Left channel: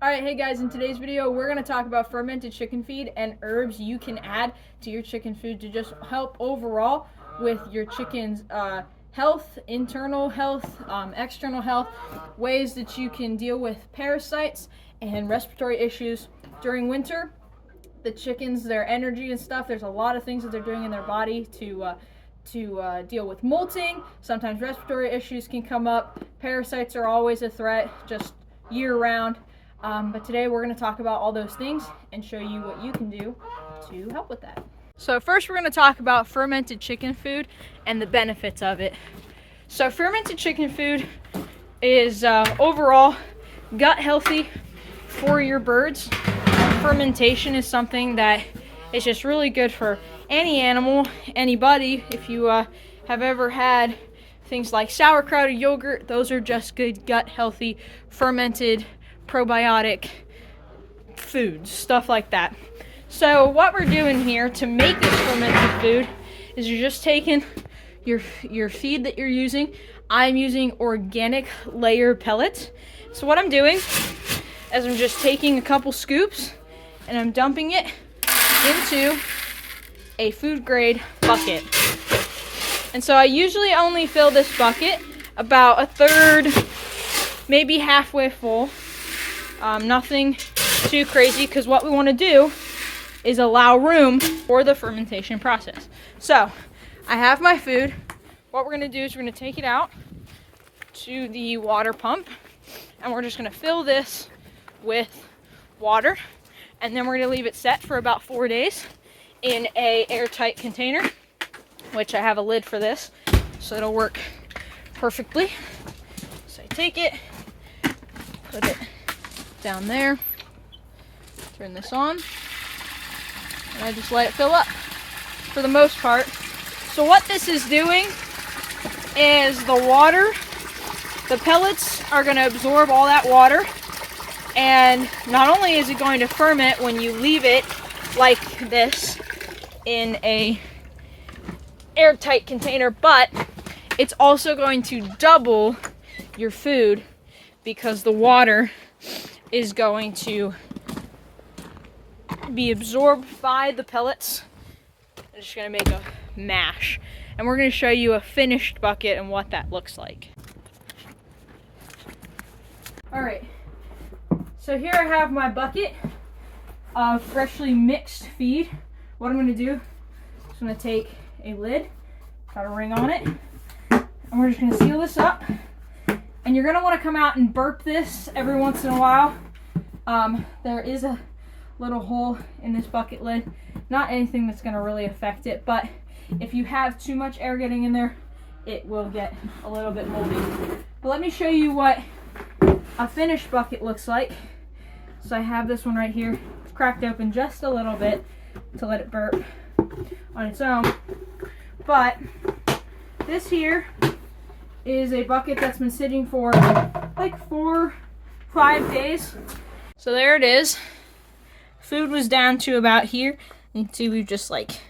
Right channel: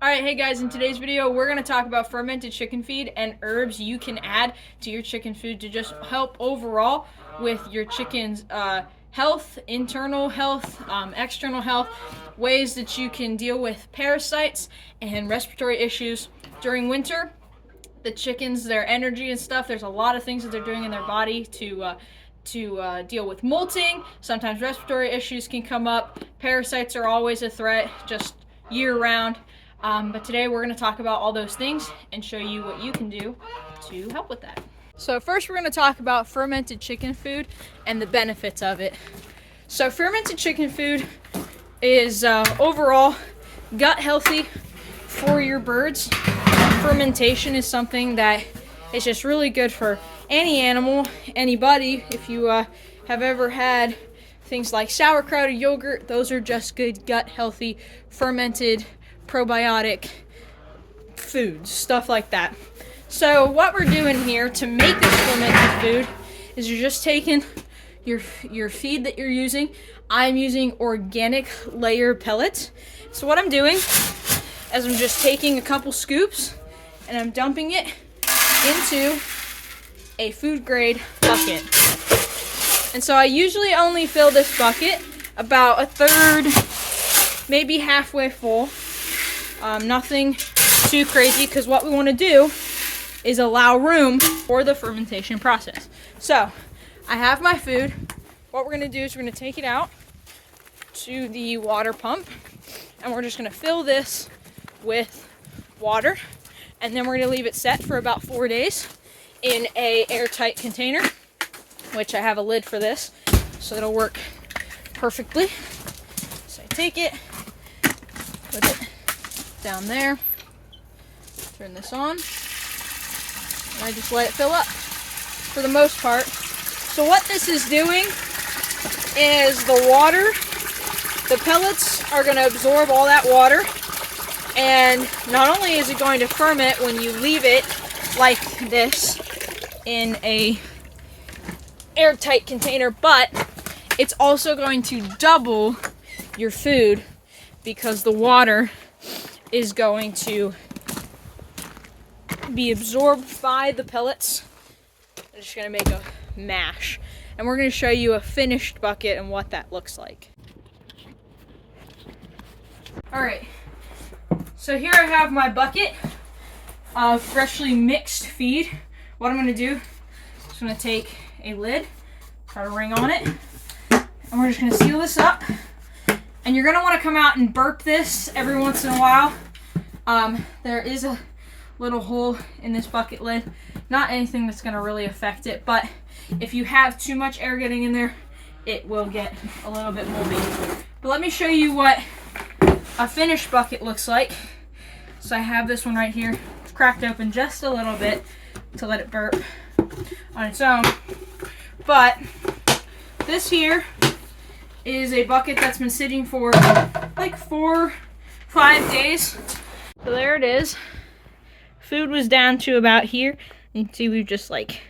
Alright, hey guys, in today's video we're going to talk about fermented chicken feed and herbs you can add to your chicken food to just help overall with your chicken's health, internal health, external health, ways that you can deal with parasites and respiratory issues during winter. The chickens, their energy and stuff, there's a lot of things that they're doing in their body to deal with molting. Sometimes respiratory issues can come up. Parasites are always a threat, just year-round. But today we're going to talk about all those things and show you what you can do to help with that. So first we're going to talk about fermented chicken food and the benefits of it. So fermented chicken food is overall gut healthy for your birds. Fermentation is something that is just really good for any animal, anybody. If you have ever had things like sauerkraut or yogurt, those are just good gut healthy fermented probiotic foods, stuff like that. So what we're doing here to make this fermented food is you're just taking your feed that you're using. I'm using organic layer pellets. So what I'm doing is I'm just taking a couple scoops and I'm dumping it into a food grade bucket. And so I usually only fill this bucket about a third, maybe halfway full. Nothing too crazy, because what we want to do is allow room for the fermentation process. So I have my food. What we're going to do is we're going to take it out to the water pump, and we're just going to fill this with water, and then we're going to leave it set for about 4 days in a airtight container, which I have a lid for this, so it'll work perfectly. So I take it, put it down there, turn this on, and I just let it fill up for the most part. So what this is doing is the water, the pellets are going to absorb all that water, and not only is it going to ferment when you leave it like this in a airtight container, but it's also going to double your food because the water is going to be absorbed by the pellets. I'm just going to make a mash, and we're going to show you a finished bucket and what that looks like. Alright, so here I have my bucket of freshly mixed feed. What I'm going to do is I'm going to take a lid, put a ring on it, and we're just going to seal this up. And you're going to want to come out and burp this every once in a while. There is a little hole in this bucket lid. Not anything that's going to really affect it, but if you have too much air getting in there, it will get a little bit moldy. But let me show you what a finished bucket looks like. So I have this one right here. It's cracked open just a little bit to let it burp on its own. But this here is a bucket that's been sitting for like 4-5 days. So there it is. Food was down to about here. You can see we've just like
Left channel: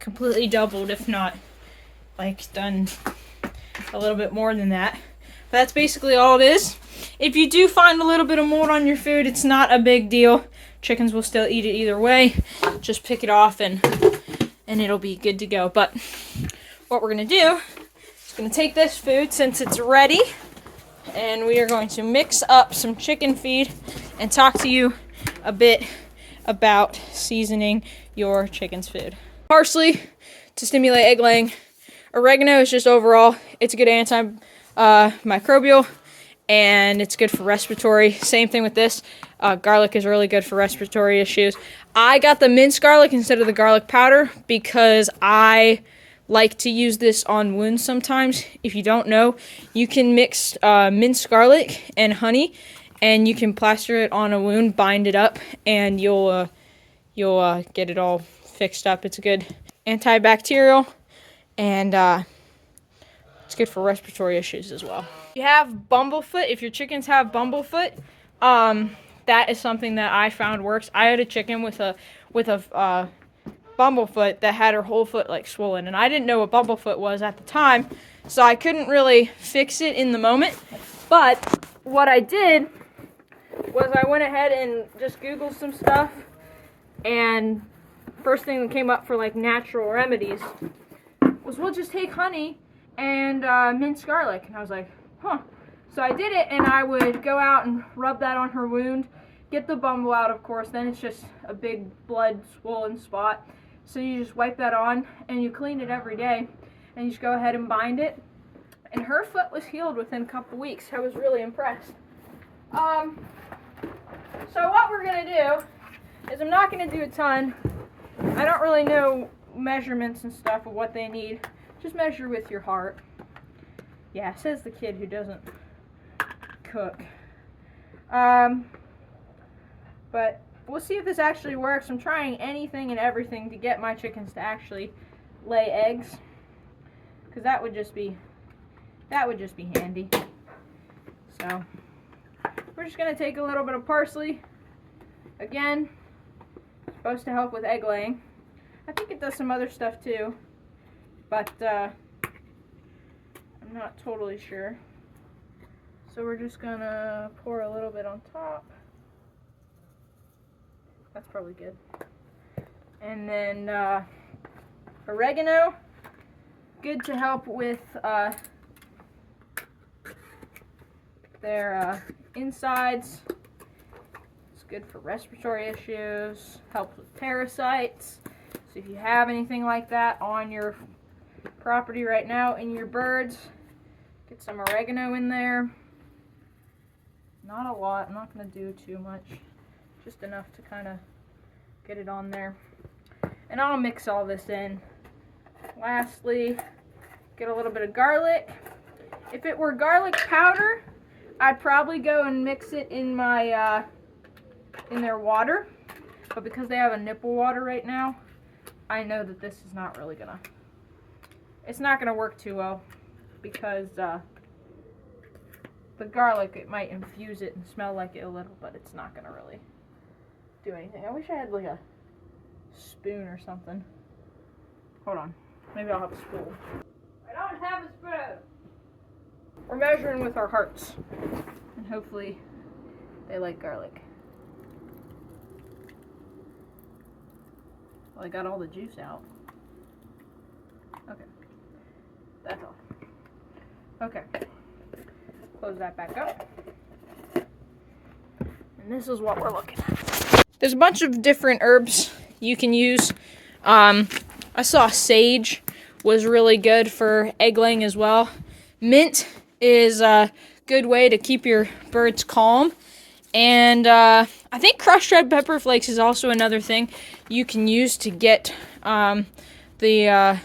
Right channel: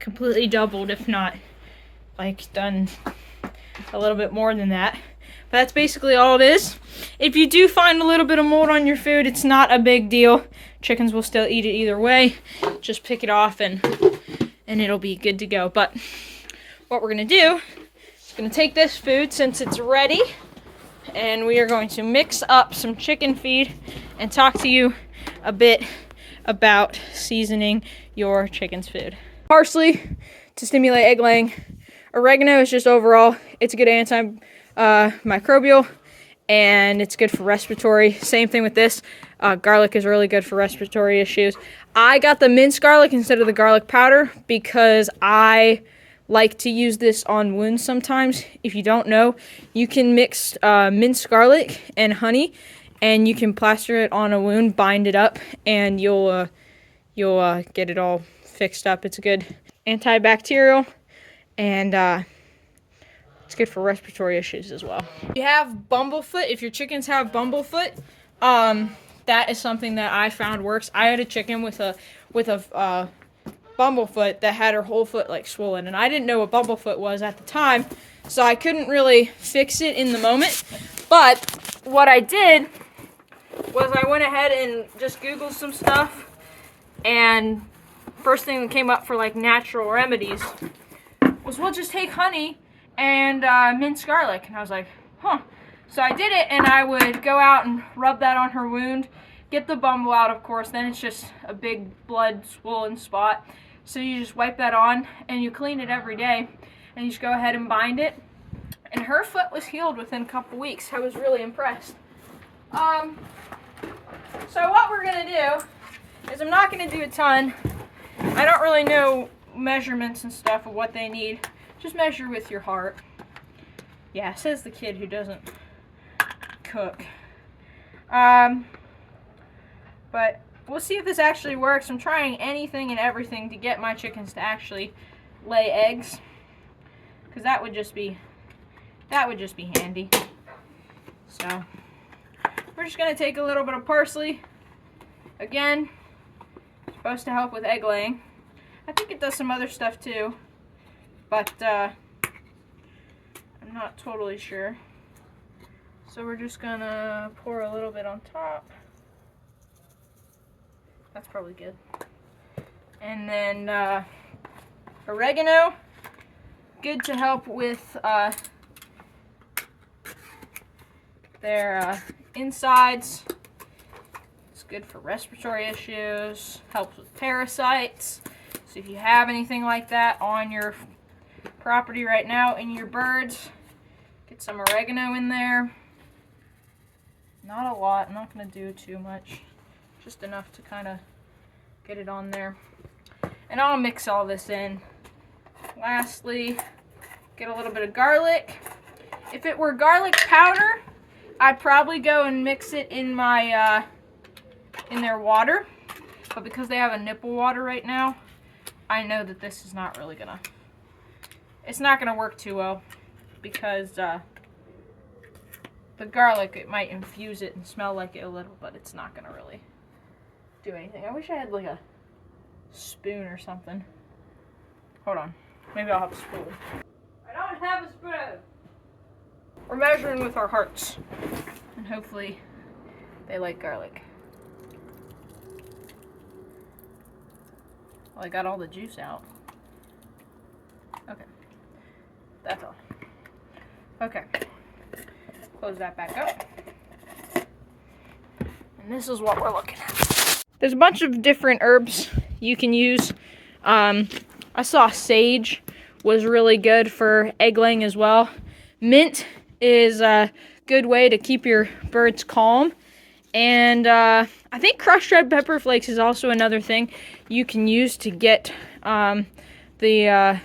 completely doubled, if not like done a little bit more than that. But that's basically all it is. If you do find a little bit of mold on your food, it's not a big deal. Chickens will still eat it either way. Just pick it off and it'll be good to go. But what we're gonna do, going to take this food since it's ready, and we are going to mix up some chicken feed and talk to you a bit about seasoning your chicken's food. Parsley to stimulate egg laying. Oregano is just overall, it's a good antimicrobial, and it's good for respiratory. Same thing with this. Garlic is really good for respiratory issues. I got the minced garlic instead of the garlic powder because I like to use this on wounds sometimes. If you don't know, you can mix minced garlic and honey, and you can plaster it on a wound, bind it up, and you'll get it all fixed up. It's a good antibacterial, and it's good for respiratory issues as well. If you have bumblefoot, if your chickens have bumblefoot, that is something that I found works. I had a chicken with a bumblefoot that had her whole foot like swollen, and I didn't know what bumblefoot was at the time, so I couldn't really fix it in the moment. But what I did was I went ahead and just Googled some stuff, and first thing that came up for like natural remedies was, we'll just take honey and minced garlic. And I was like, huh. So I did it, and I would go out and rub that on her wound, get the bumble out, of course. Then it's just a big blood swollen spot. So you just wipe that on, and you clean it every day, and you just go ahead and bind it. And her foot was healed within a couple weeks. I was really impressed. So what we're gonna do is, I'm not gonna do a ton. I don't really know measurements and stuff of what they need. Just measure with your heart. Yeah, says the kid who doesn't cook. But we'll see if this actually works. I'm trying anything and everything to get my chickens to actually lay eggs, because that would just be handy. So we're just gonna take a little bit of parsley. Again, supposed to help with egg laying. I think it does some other stuff too, but I'm not totally sure. So we're just gonna pour a little bit on top. That's probably good. And then oregano, good to help with their insides. It's good for respiratory issues, helps with parasites. So if you have anything like that on your property right now in your birds, get some oregano in there. Not a lot, I'm not going to do too much, just enough to kind of get it on there. And I'll mix all this in. Lastly, get a little bit of garlic. If it were garlic powder, I'd probably go and mix it in my in their water, but because they have a nipple water right now, I know that this is not really gonna, it's not gonna work too well, because the garlic, it might infuse it and smell like it a little, but it's not gonna really do anything. I wish I had like a spoon or something. Hold on, maybe I'll have a spoon. I don't have a spoon. We're measuring with our hearts, and hopefully they like garlic. Well, I got all the juice out. Okay, that's all. Okay, close that back up. And this is what we're looking at. There's a bunch of different herbs you can use. I saw sage was really good for egg laying as well. Mint is a good way to keep your birds calm. And I think crushed red pepper flakes is also another thing you can use to get the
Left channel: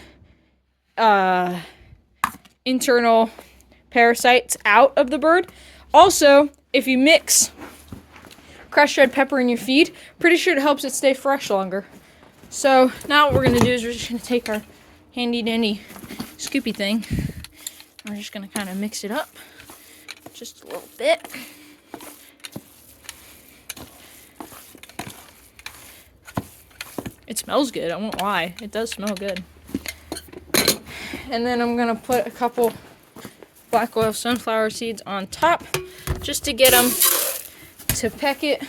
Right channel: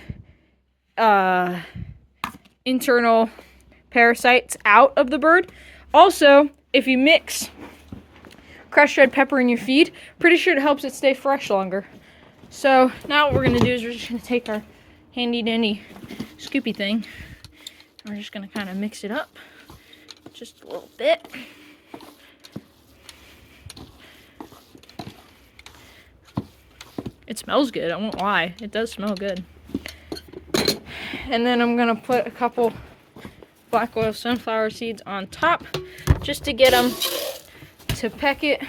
internal parasites out of the bird. Also, if you mix crushed red pepper in your feed, pretty sure it helps it stay fresh longer. So now what we're going to do is we're just going to take our handy dandy scoopy thing. We're just going to kind of mix it up just a little bit. It smells good, I won't lie. It does smell good. And then I'm going to put a couple black oil sunflower seeds on top just to get them to peck it.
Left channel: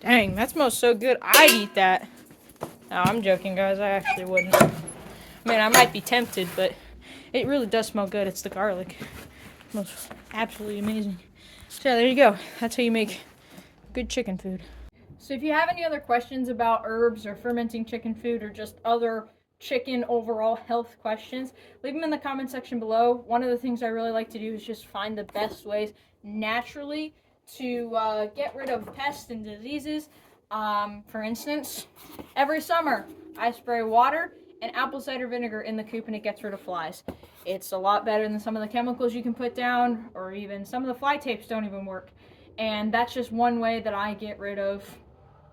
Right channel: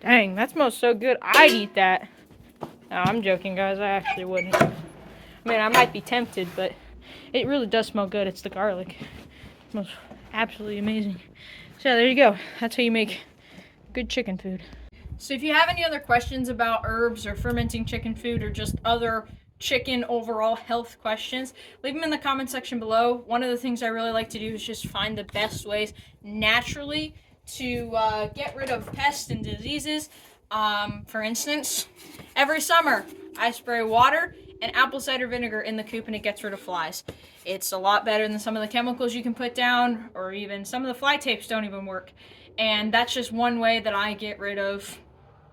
Dang, that smells so good. I'd eat that. No, I'm joking, guys. I actually wouldn't. I mean, I might be tempted, but it really does smell good. It's the garlic. It smells absolutely amazing. So yeah, there you go. That's how you make good chicken food. So if you have any other questions about herbs or fermenting chicken food or just other chicken overall health questions, leave them in the comment section below. One of the things I really like to do is just find the best ways naturally to get rid of pests and diseases. For instance, every summer I spray water and apple cider vinegar in the coop and it gets rid of flies. It's a lot better than some of the chemicals you can put down, or even some of the fly tapes don't even work. And that's just one way that I get rid of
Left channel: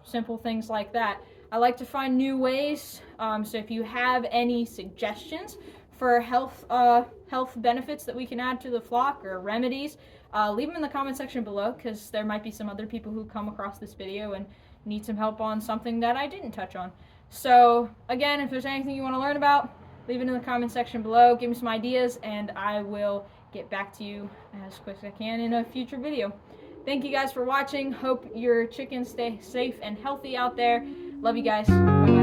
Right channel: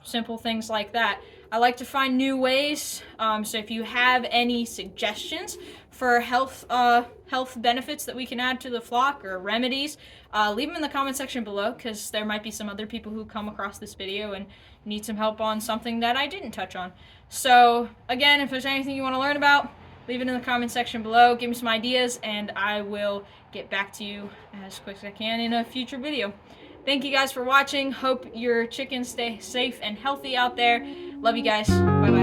simple things like that. I like to find new ways, so if you have any suggestions for health benefits that we can add to the flock or remedies, leave them in the comment section below, because there might be some other people who come across this video and need some help on something that I didn't touch on. So again, if there's anything you want to learn about, leave it in the comment section below, give me some ideas, and I will get back to you as quick as I can in a future video. Thank you guys for watching. Hope your chickens stay safe and healthy out there. Love you guys. Bye-bye.